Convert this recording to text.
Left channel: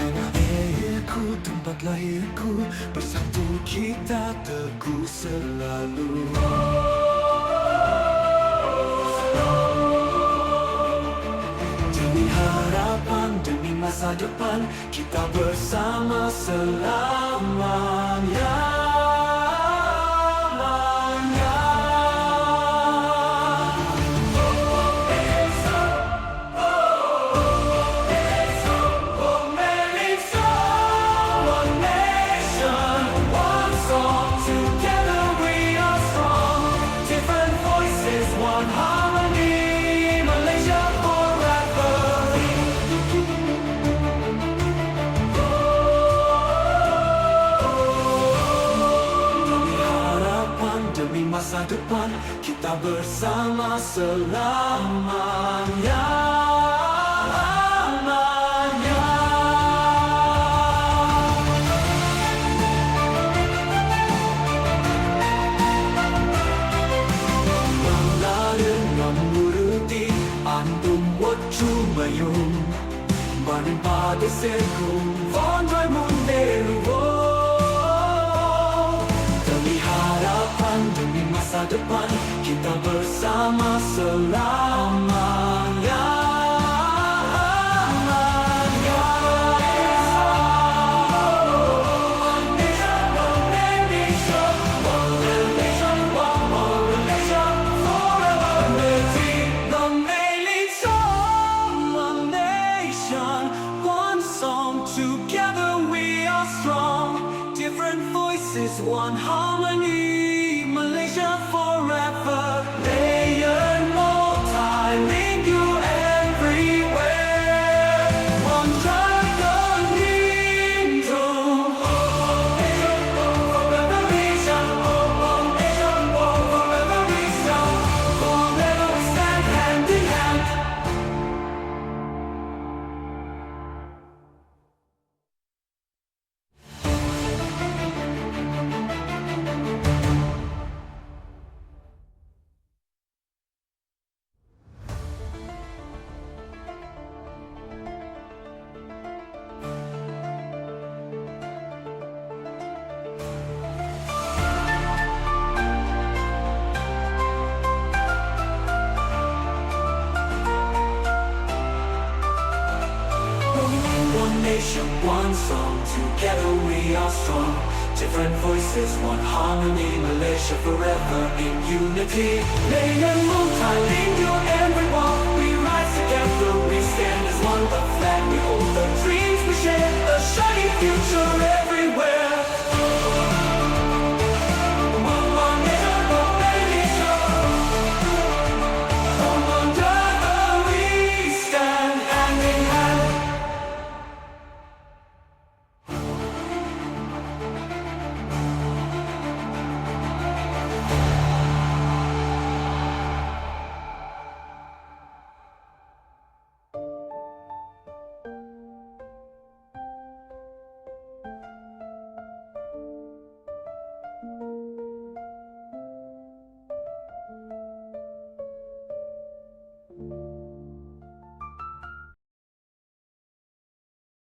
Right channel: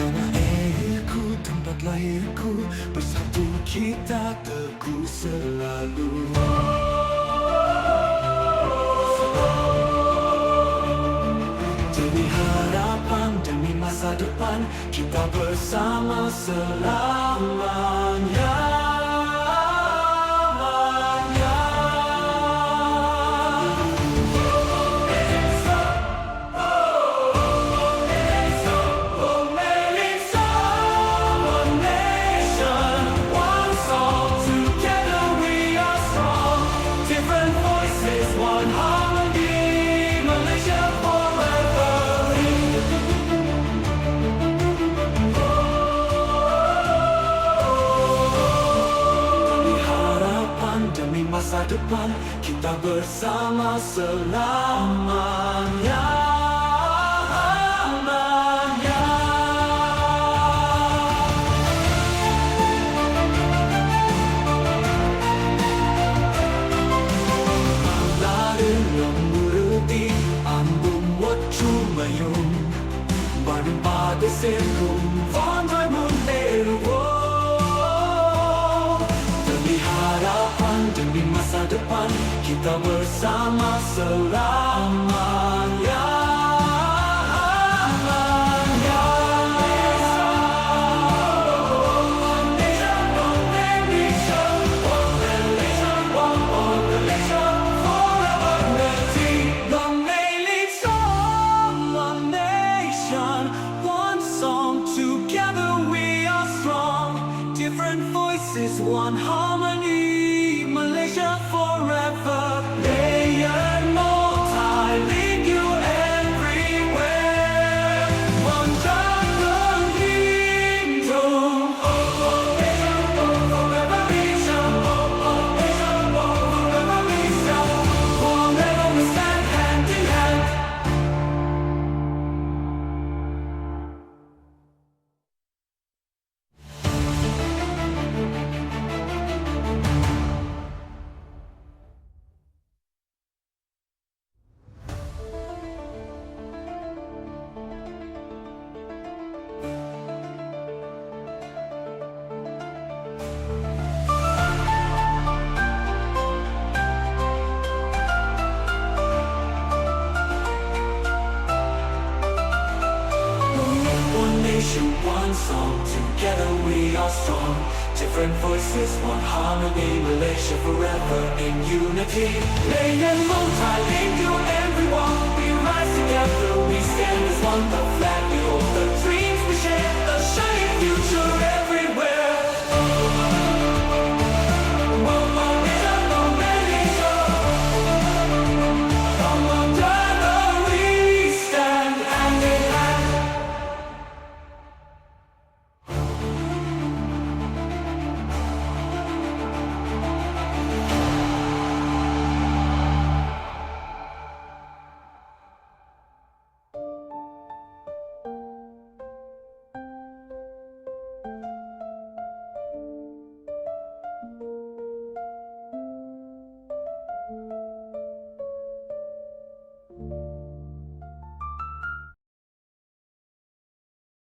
Tanah airku, tempat lahirku, bersatu kita teguh selalu. Demi harapan, demi masa depan, kita bersama selamanya. One harmony, Malaysia forever. Demi harapan, demi masa depan, kita bersama selamanya. Mandarin Demi harapan, demi masa depan, kita bersama selamanya. Different voices, one harmony, Malaysia forever. Layered, multilingual, everywhere. One dragon kingdom. Forever we shall, forever we shall, forever we stand hand in hand. One nation, one song, together we are strong. Different voices, one harmony, Malaysia forever in unity. Layered, multilingual, everyone, we rise together, we stand as one. The flag we hold, the dreams we share, a shining future everywhere.